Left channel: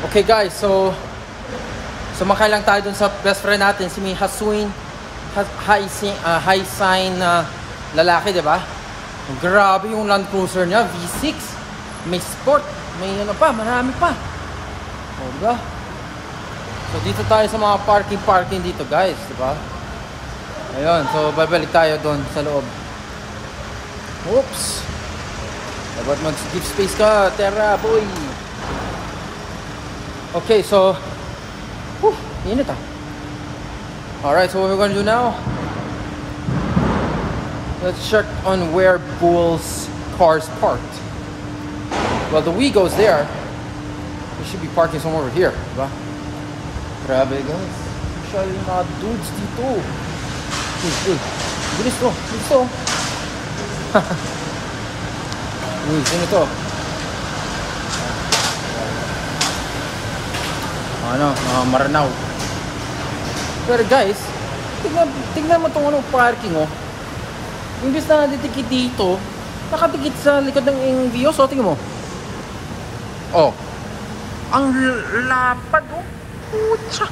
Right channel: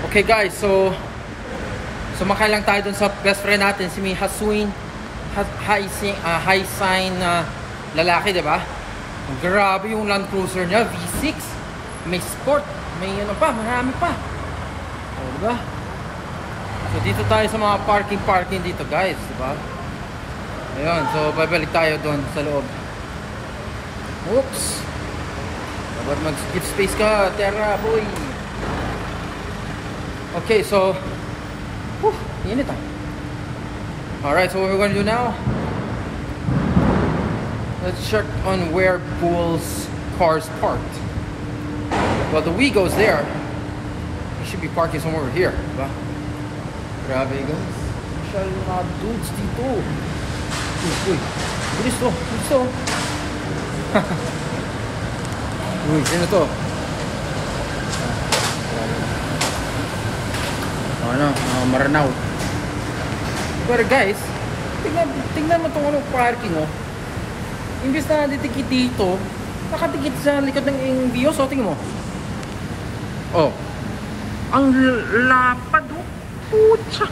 Okay guys, so sumakay lang tayo dun sa best friend natin, si May Hasuin high sign na lalaki, diba? Grabe yung Land Cruiser niya, V6. May sport, may ano pa, marami pa. O, diba? So dito tayo sa mga parking dito guys, diba? Ayun, so babalik tayo dun sa loob. Oops. Dapat mag-give space ka, Terra boy. Okay, so init ah. Alright, so what we're gonna do now, let's check on where Bull's car's parked. Well, the Wigo's there. We should be parking somewhere over here, diba? Grabe guys, masyado yung mga dudes dito. Bilis to. Uy, sino to? Ano, Maranaw. Pero guys, tingnan mo itong parking, oh. Imbis na natitikit dito, nakatikit sa likod ng Vios, oh, tingnan mo. Oh. Ang lapad, oh. Pucha.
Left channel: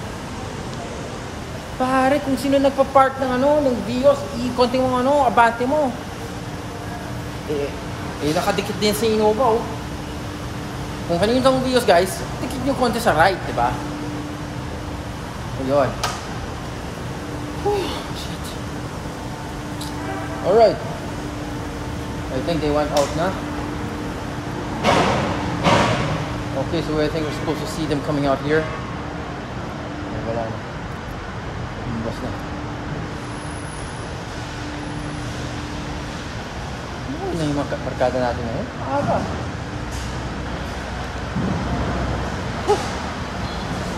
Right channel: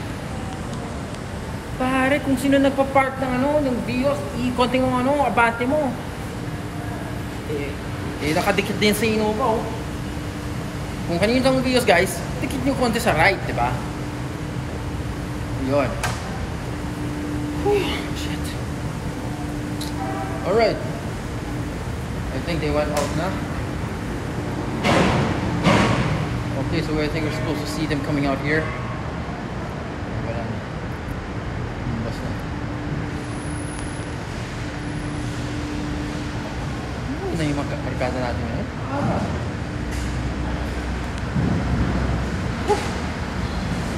Pare, kung sino nagpa-park ng Vios, konting abante mo. Nakadikit din sa Innova, oh. Kung kanino itong Vios, guys, tikit nyo konti sa right, diba? Ayun. Shit. Alright. I think they went out na. Okay, so I think we're supposed to see them coming out here. Wala na. Bus na. Ano na yung markada natin ngayon? Haba.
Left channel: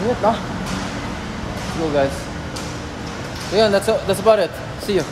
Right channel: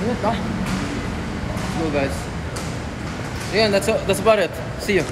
Ingat na. Go guys. Yeah, that's about it. See you.